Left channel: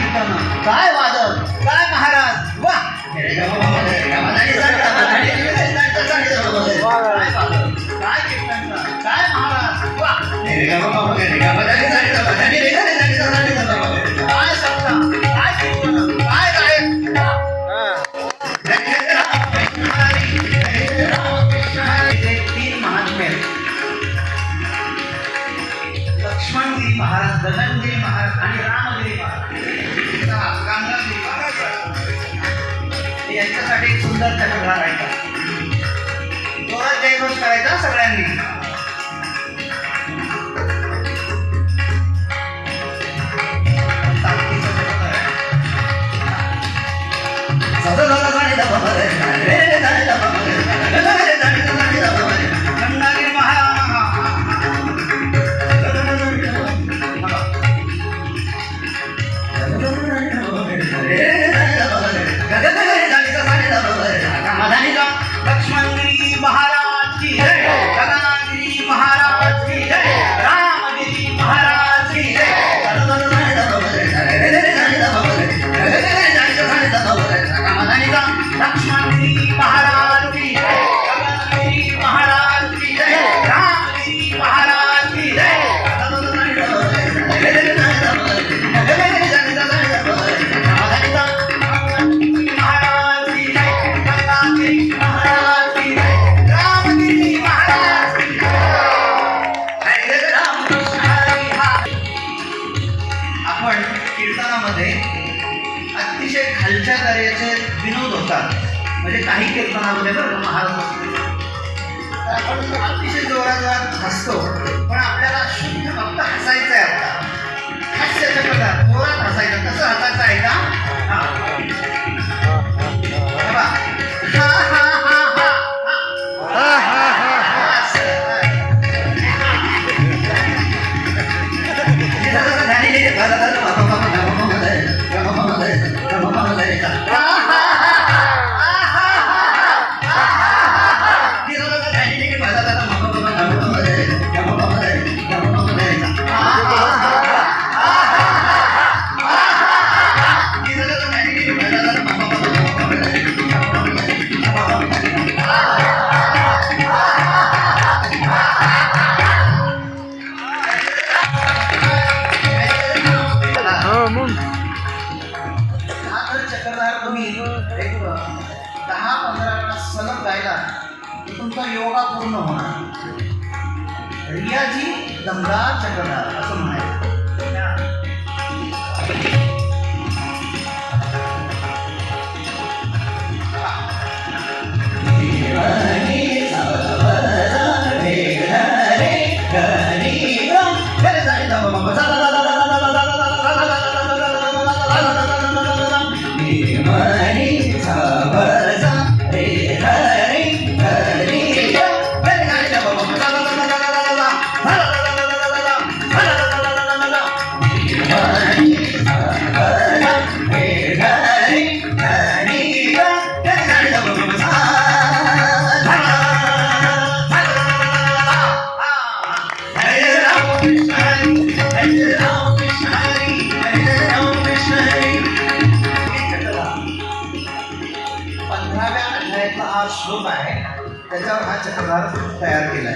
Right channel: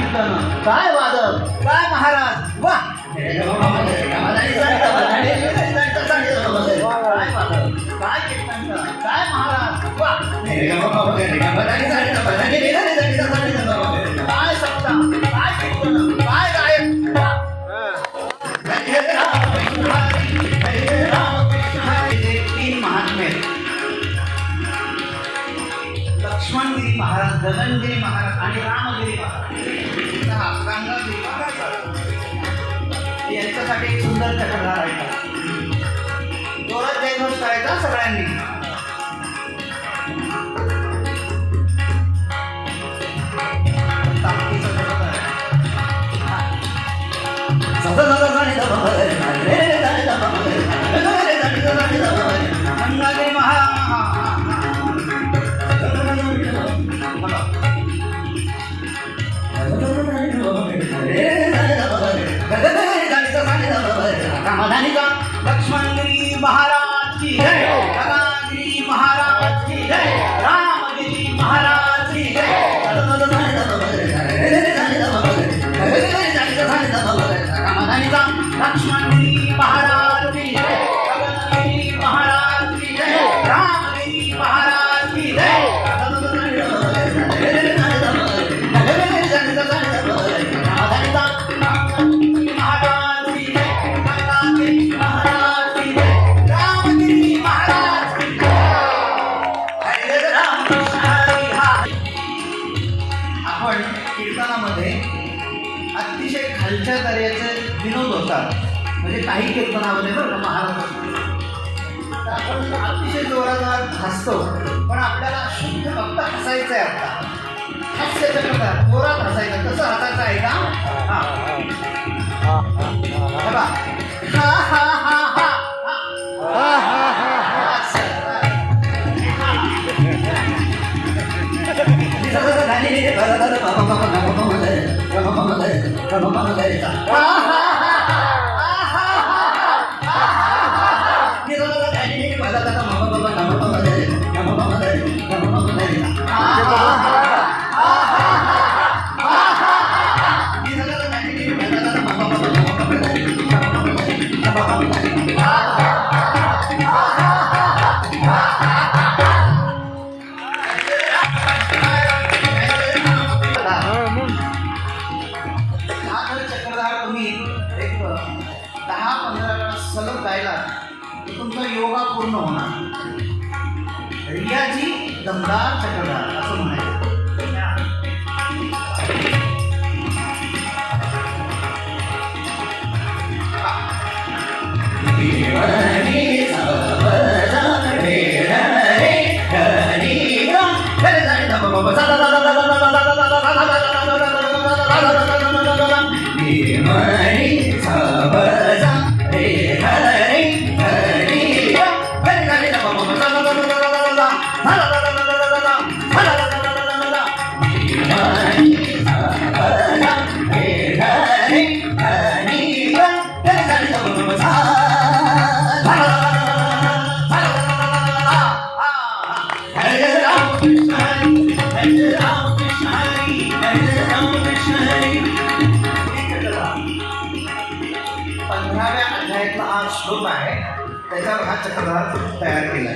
कीर्तन, काय वादन, काय महाराज, वा काय वादन, काय कीर्तन, काय महाराज, वा काय सत्ता, काय कीर्तन, काय गायक, तीन महात्मे लक्ष्मणगिरी महाराज, गगनगिरी महाराज आणि रामगिरी महाराज, गंगागिरी महाराज यांच्यासाठी एक सुंदर चक्रधार आहे. जोरात जयघोष करायचा सगळ्यांनी. लक्ष्मणगिरी महाराज की जय, गगनगिरी महाराज की जय, रामगिरी महाराज की जय. लक्ष्मणगिरी महाराज की जय, गगनगिरी महाराज की जय, रामगिरी महाराज की जय. कीर्तनामध्ये अतिशय खालच्या दर्जाचे विनोद होतात. म्हणजे काही कीर्तनामध्ये बरं महाराज तर आपण अतिशय जोरात हसतो, पण आपल्याला शुद्ध फक्त हसायचं आहे. आता हास्य चक्रधार जोरात हसायचं. कसं हसायचं आहे का? बघा, सलग गायला तुमचा योगा पूर्ण होणार. रियाजी दमदार चक्रधार असं म्हणायचं. हा श्लोक आहे, त्याच्यावर हा चक्रधार तयार केला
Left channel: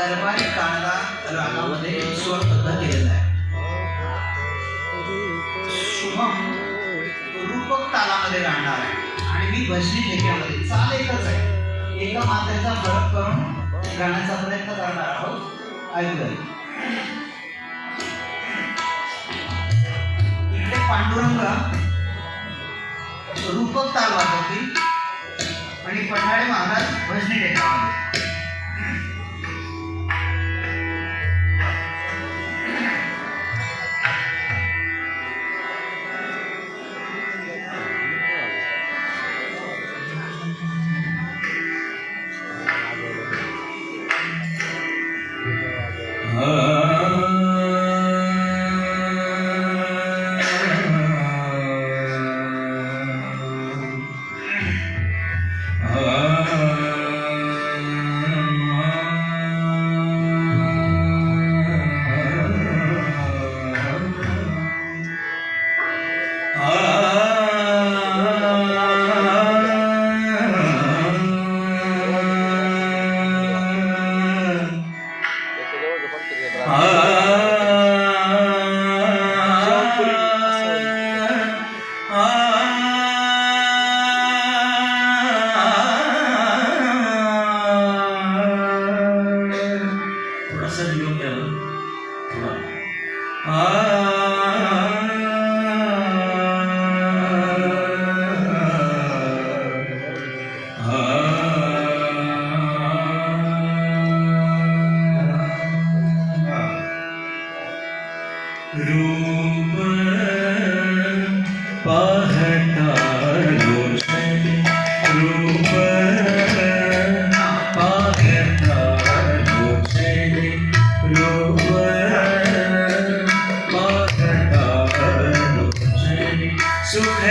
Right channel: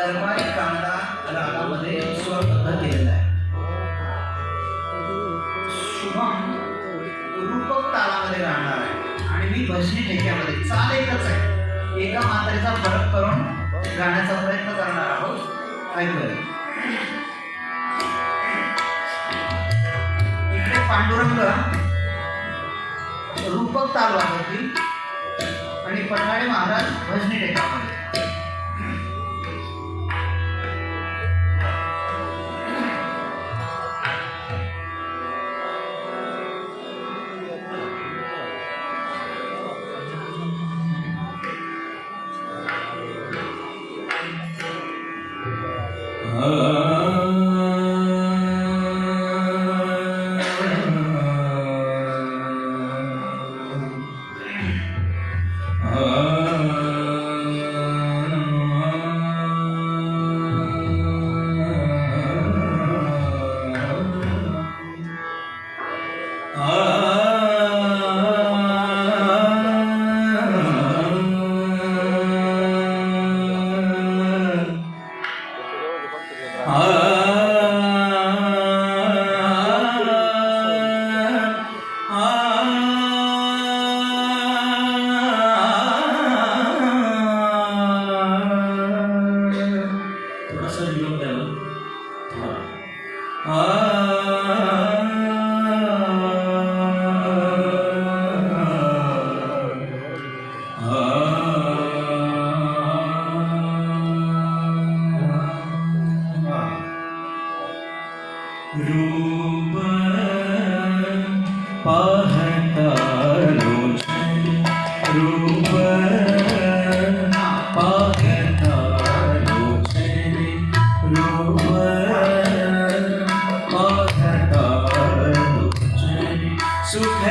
दरबारी कांदा रागामध्ये स्वरबद्ध केलेला आहे. शुभम रूपक तालामध्ये गाणार आहे आणि मी भजनी ठेक्यामध्ये. चाल एकच आहे, एका मात्रेचा फरक करून गाण्याचा प्रयत्न करणार आहोत. ऐकलं. इकडे पांडुरंग रूपक ताल वाजवतील आणि पठाळे महाराज भजनी ठेक्यामध्ये. सुख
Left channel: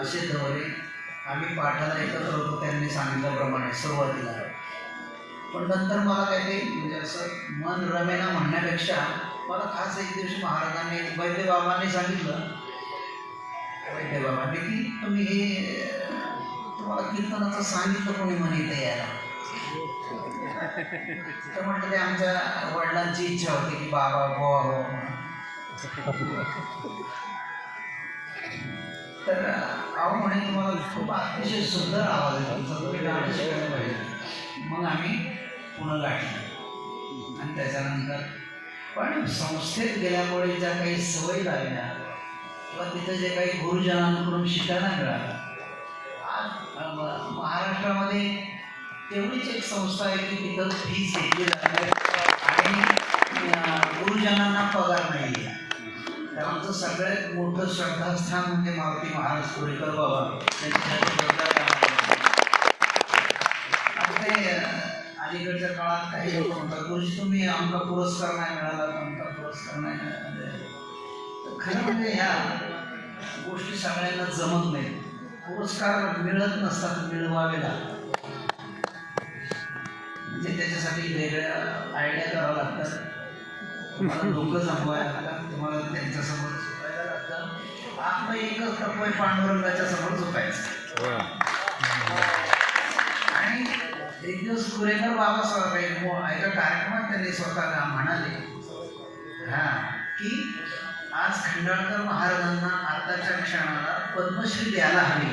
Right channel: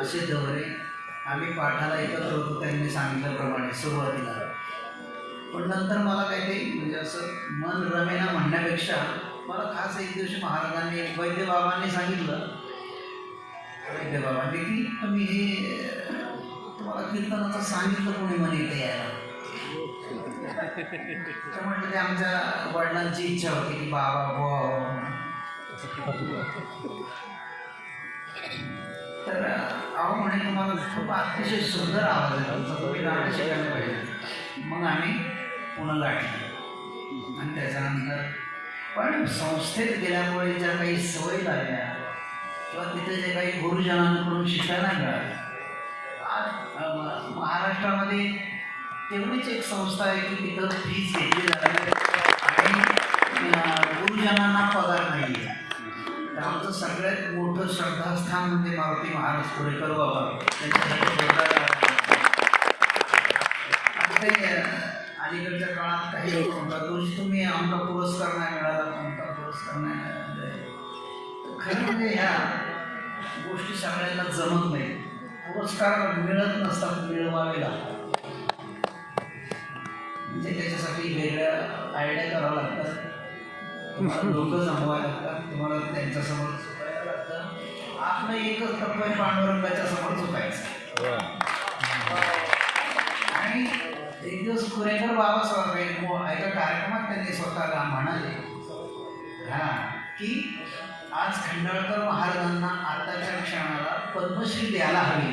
असे दौरे आम्ही पाठाला एकत्र होतो त्यांनी सांगितल्याप्रमाणे सुरुवातीला. पण नंतर मला काही म्हणजे असं मन रमेना म्हणण्यापेक्षा मला खास एक दिवशी महाराजांनी वैद्यबाबांनी सांगितलं, वैद्यबाबांनी की तुम्ही हे तुम्हाला कीर्तनाचं सांगितलं कोणी म्हणे इथे यायला. तर म्हटलं ते आमच्या वडिलांची इच्छा होती की बाबा हो. तर अहो म्हणे तुम्हाला खूप अतिशय सुंदर आवाज आहे, तुम्ही गाणं शिकायला पाहिजे. मग आम्ही पुन्हा गाठलं आणि त्याच्यानंतर पण संस्थेत गेल्यामुळे ज्या काही सवयी लागल्या किंवा तिथे जे काही गुरुजनांकडून शिकायला मिळालं. महाराष्ट्रामध्ये तेवढीच एक संस्था आहे की तिथं फीस घेतली जाते आणि गुरुजनांना पगार नाही आहे. तर आमचं सगळ्यात मोठं श्रद्धास्थान म्हणजे मारुती महाराज कोरेकर बाबा ते अलीकडच्या काळात काही लोक म्हणतात गुरुजी तुम्ही आमचा पुरस्कार नाही मिळाला, आमचा पुरस्कार नाही मिळाला. खरं म्हणजे ह्या गोष्टी सगळ्यांना जमत नाही. पुरस्कार मिळत नसतात, मिळवावे लागतात. म्हणजे त्याच्यासाठी वेगळ्या आयडिया करावं लागतात, तुम्हाला लोक जमवायला लागतात, तुम्हाला त्यांच्यासमोर झुकायला लागतं. आपलं एकच तत्व आहे, पांडुरंगाच्या समोर झुकायचं. आणि एक दिवस कुरेकर बाबासाहेब एका कार्यक्रमात त्यांनी स्वतःला म्हणाले की आज खंडाळकर महाराजांना अर्ध्याच्या क्षणाला पद्मश्री द्यायला हवी.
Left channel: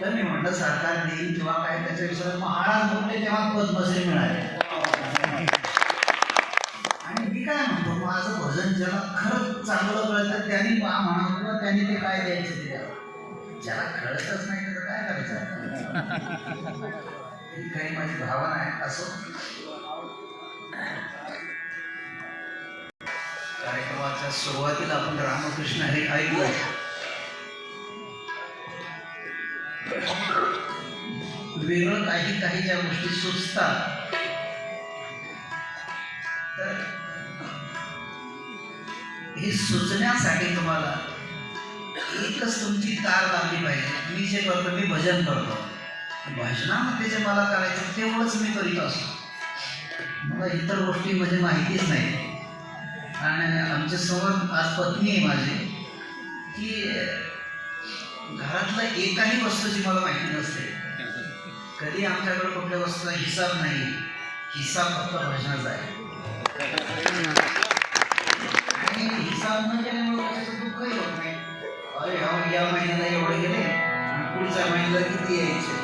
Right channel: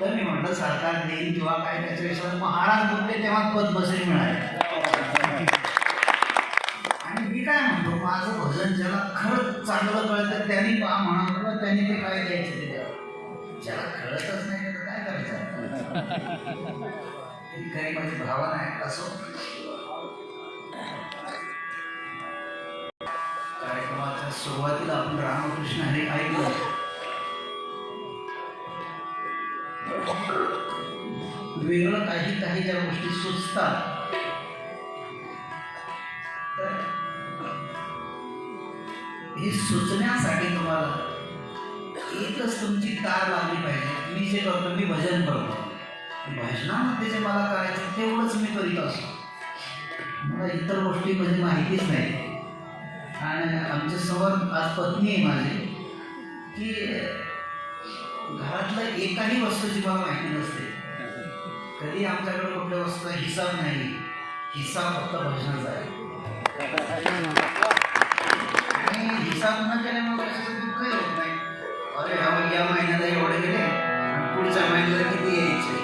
तर मी म्हटलं सरकार देईल किंवा काय त्याच्याविषयी महाराज बोलले तेव्हा पद्मश्री मिळाली. आणि मी काय म्हणतो, माझं भजन ज्याला खरंच चांगलं कळतं त्यांनी म्हणावं, त्यांनी ते काय द्यायचं ते द्यावं. ज्याला कळतच नाही तर काय करायचं. ही काही माझी भावना आहे. असो, कार्यक्रमाच्या सुरुवातीला आपण रामकृष्ण हे ऐकलं. वेगळं काही ज्या गोष्टी सुचतात तर हे सुचण्यासाठी तुम्हाला एकच तुमची तार लावली पाहिजे. मी जे करतो, मी भजन करतो, भजनामध्ये जे मला करायचं तेवढंच मी करीत असतो. मला इतर गोष्टी म्हणजे माहितीच नाही. आणि आमच्या समोर आज पत्नी आहे माझी, की घरातल्या एकाही वस्तूची मला माहिती नसते. कधी आमच्याकडे कुठल्या वस्तूचा हिसाब नाही, हिसाब फक्त भजनाचा आहे. आणि हिसाब न केल्यामुळे कशाचं दुःखही होत नाही. अरे या महिन्याला एवढे गेले, पुढच्या महिन्याला किती यायचे.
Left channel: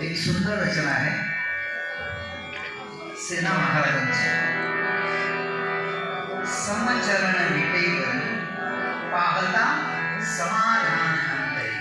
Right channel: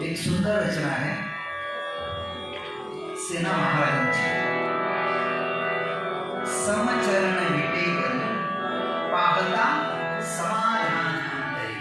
एक सुंदर रचना आहे सेना महाराजांची. समचरण विटेवर पाहता समाधान अंतरी.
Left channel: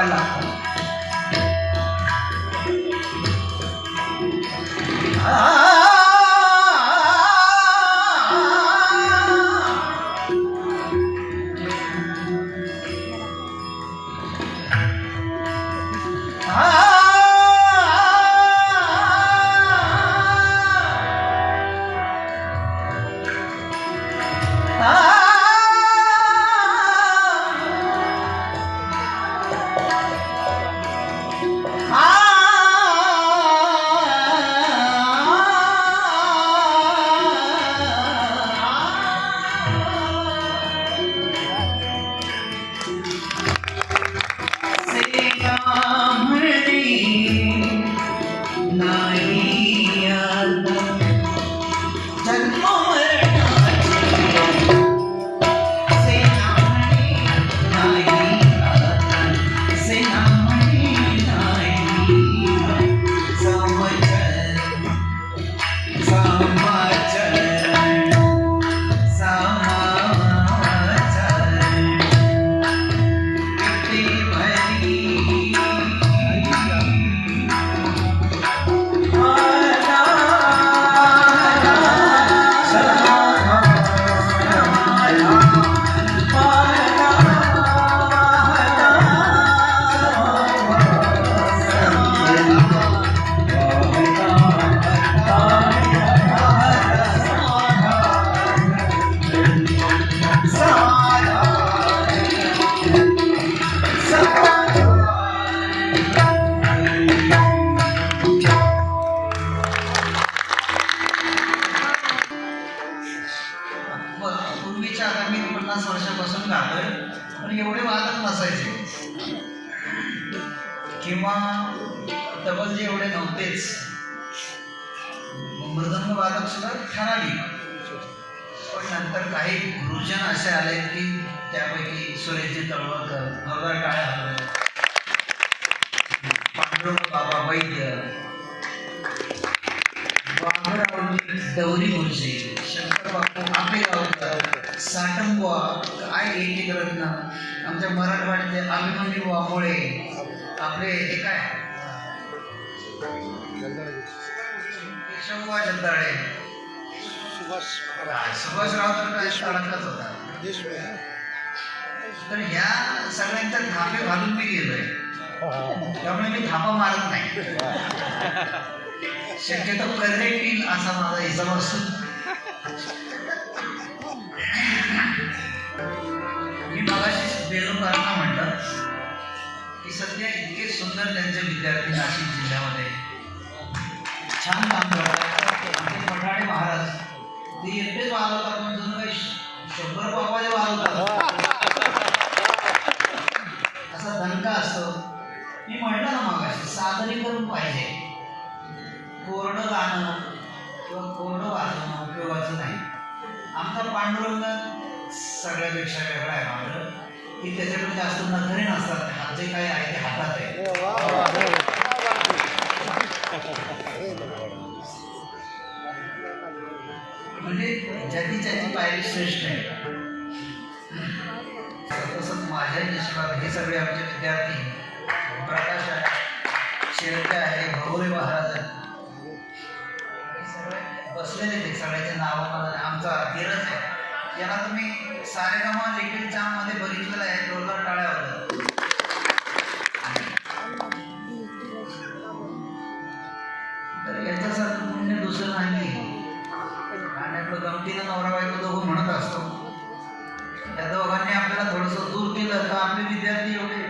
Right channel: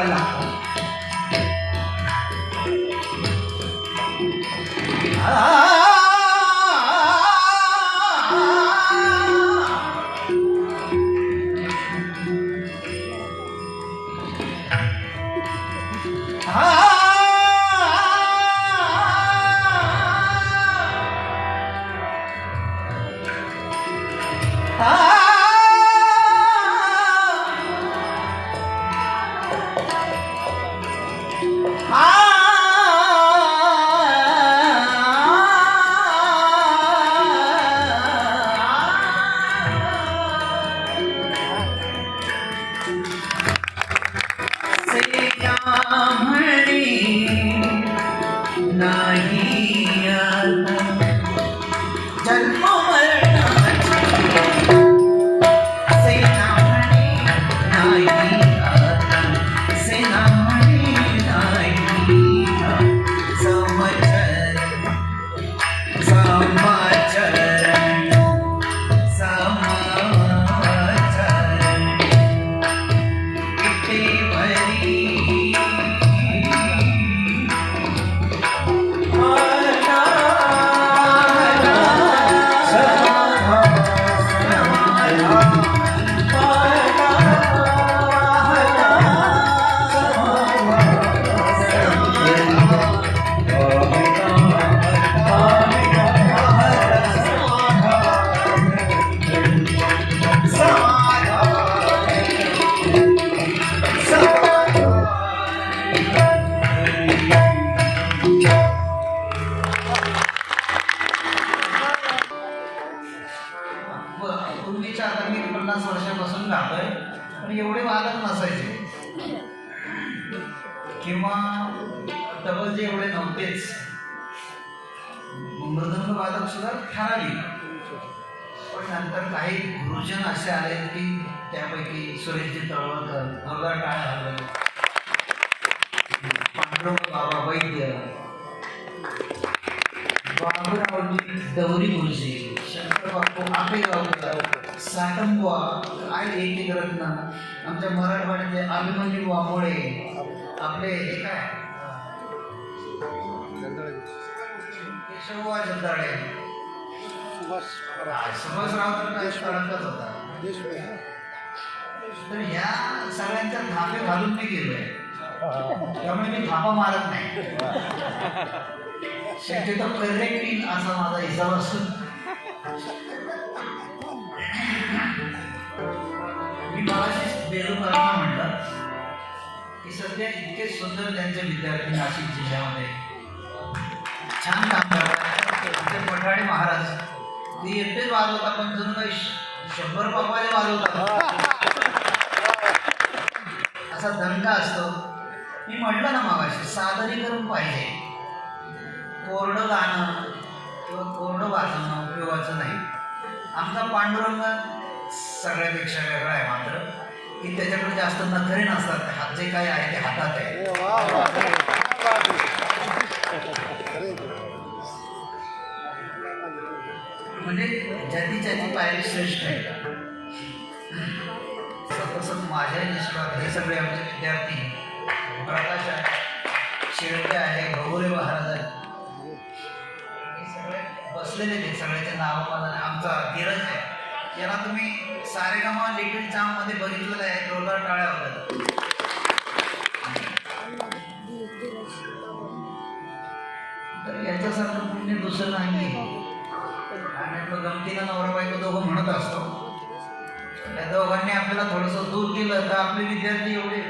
शिकवायला लागतं. पूर्वीच्या आता मी 50 वर्षापासून गातोय, पण एवढे वादक नसायचे किंवा डबलचे एवढे नव्हतेच. मृदंग वादक सुद्धा ठराविक, पण नंतर काही गुरुजन असे आले की त्यापैकी सुरेशजी तळवळकर, जोरदार टाळ्या हलवल्या, पांडुरंग बाबा वैद्य, बाबूरावजी दौरी गुरुजी, शंकर बापू आपेगावकर, साटंबुवा, काय एक रत्न, आमच्या मराठवाड्यातले अभिमन्यू वामोळे, आपले हे काय केशवबुवा जगदाळे, सुभाषराव तर काय तळतच होता. तर ह्या सगळ्यांच्या थापे घालून मी गेलोय, त्यामुळे मी थापा मारत नाही. शक्यतो करेक्ट येईल असा माझा हिसाब असतो. मी मगाशी बेरोजगारांना म्हटलं की सध्या इतके सुंदर त्यांचे विद्यार्थी नाशिक जिल्ह्यामध्ये छान काम करतात. आमचे पटवाडी महाराज ते एकटेच वाजवतात, पण जणू काही 100 बापाचे वाजवतात असा दणका असतो. मी म्हटलं ना मगाशी, सादरीकरण पाहिजे. कोरडं गाणं किंवा कोरडं वाजवणं उपयोगाचं नाही. आमचा पांडुरंग सगळ्यापेक्षा वेगळा आहे मात्र की त्याच्याकडे जास्त नखरे नसतात. हात जे काय आहे ते हातात आहे. म्हणजे ज्याची पायरी श्रेष्ठ आहे. तसंच माझ्या निष्ठात हे सगळे आमचे विद्यार्थी प्रकाश आहे, शेळके आहे, भगोरे महाराज आहेत, बसलेले ते सगळ्याचे नाव. आमचा धीरज आहे, याला तुम्ही सारेगामा लिटिल चाम मध्ये बघितलेलं आहे, जोरदार टाळ्या होतात. तर याच्यासारखं पुण्य दुसरं नाही. आणि गमतीला नवरा बायको दोघं म्हणत असतो, या दोघांनी आपल्याला थोडंसं दूर केलं तर आपले विद्यार्थी एवढे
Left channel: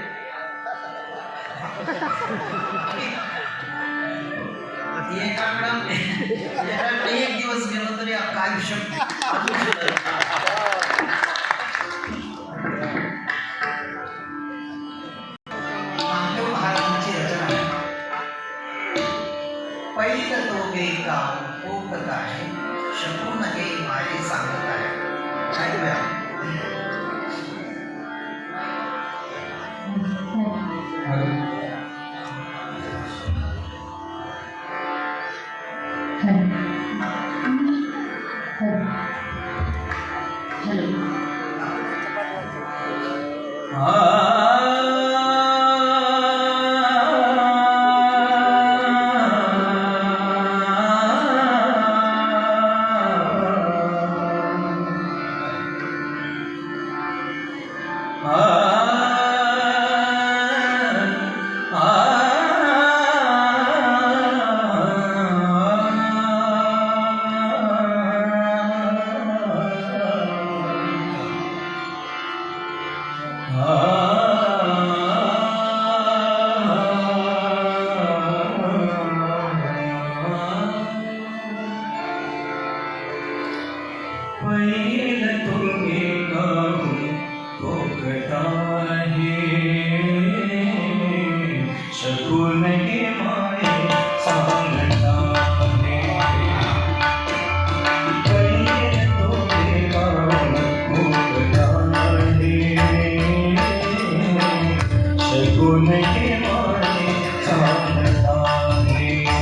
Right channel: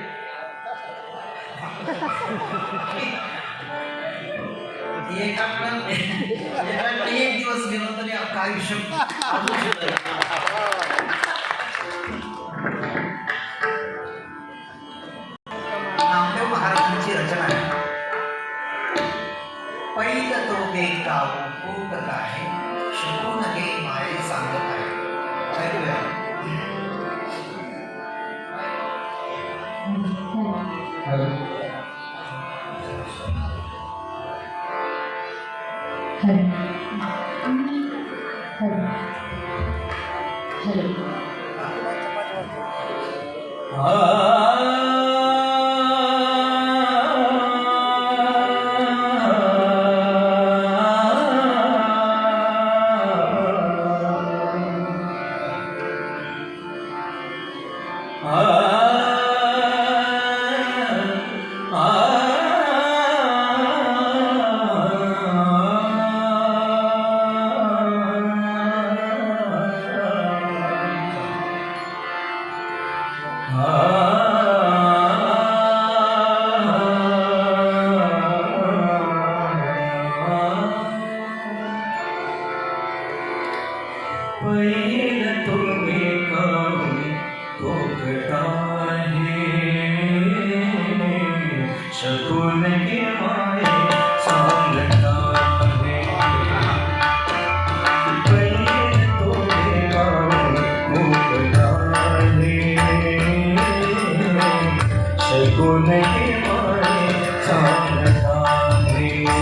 एक दिवस गेलो तरी आपलं आयुष्य. नामदेव महाराजांची रचना आहे. पैल तो गे गाव पोट आहे, शकून गे माये सांगत आहे. हॅलो. पैल तुम्ही खाऊन भोगता आहे शकून के माये सांगता आहे पैल तुम्ही खाऊन भोगता आहे शकून के माये सांगता आहे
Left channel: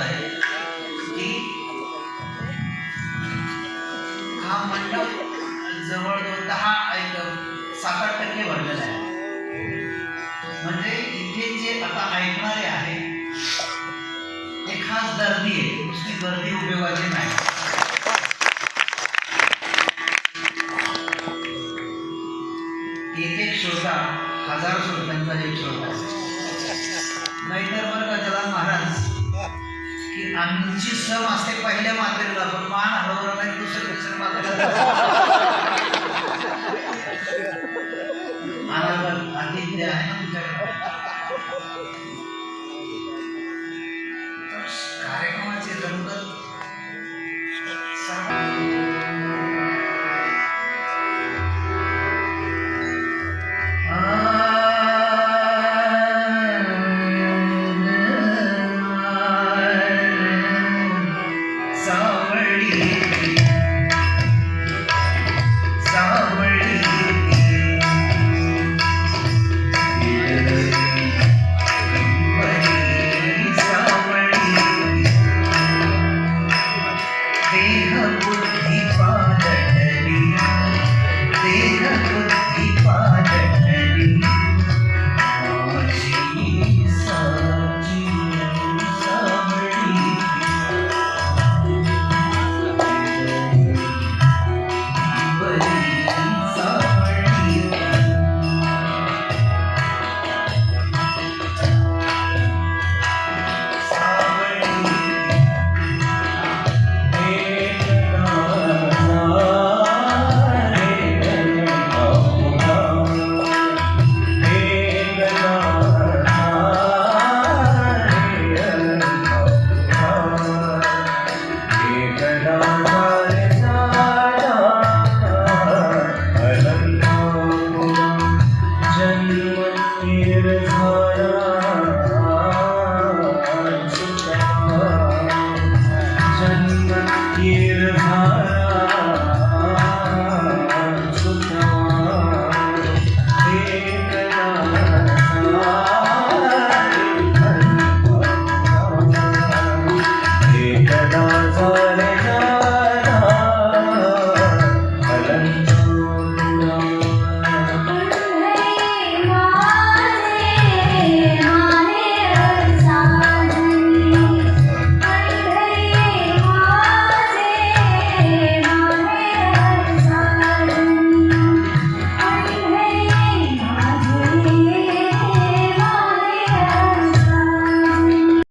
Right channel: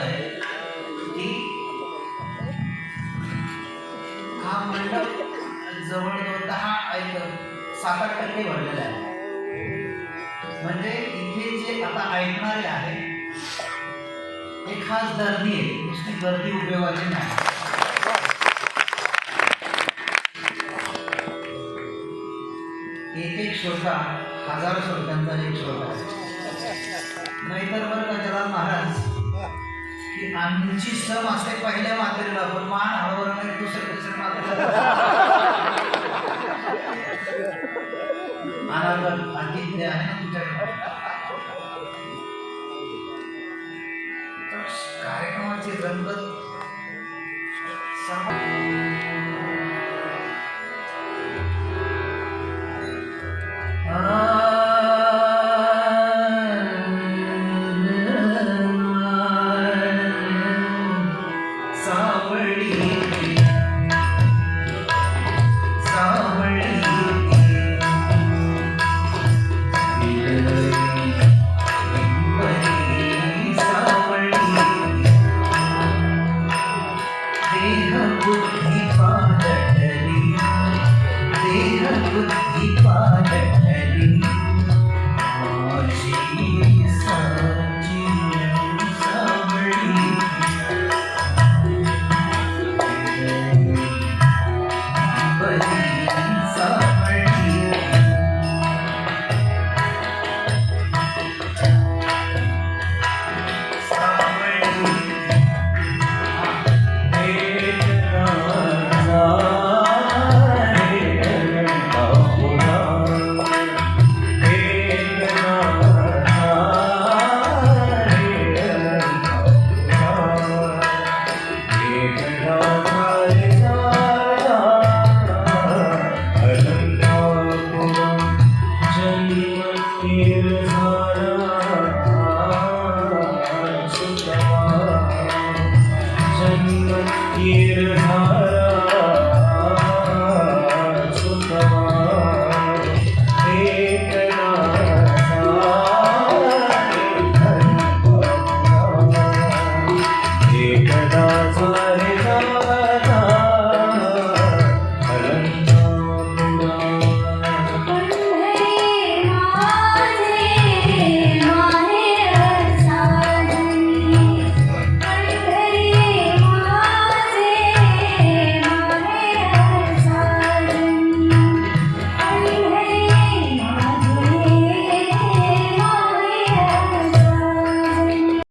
गंमत आहे की हा मंडप जवळजवळ 7-8% भरलेला आहे. म्हणजे इथे जे आता ऐकणारे आहे हे खास गर्दी आहे, नुसती गर्दी उपयोगाची नाही. एक श्रोता 1000 श्रोत्यांचा एक श्रोता आहे. नाहीतर बरं का त्याला महाराज की आमची सम असते पहिल्या मात्रेला, पण मान हवं नाही दुसऱ्या मात्रेला आनंद आतिथ्य आहे ना तुमच्याकडे. कार्यक्रमाची रंगत एकदा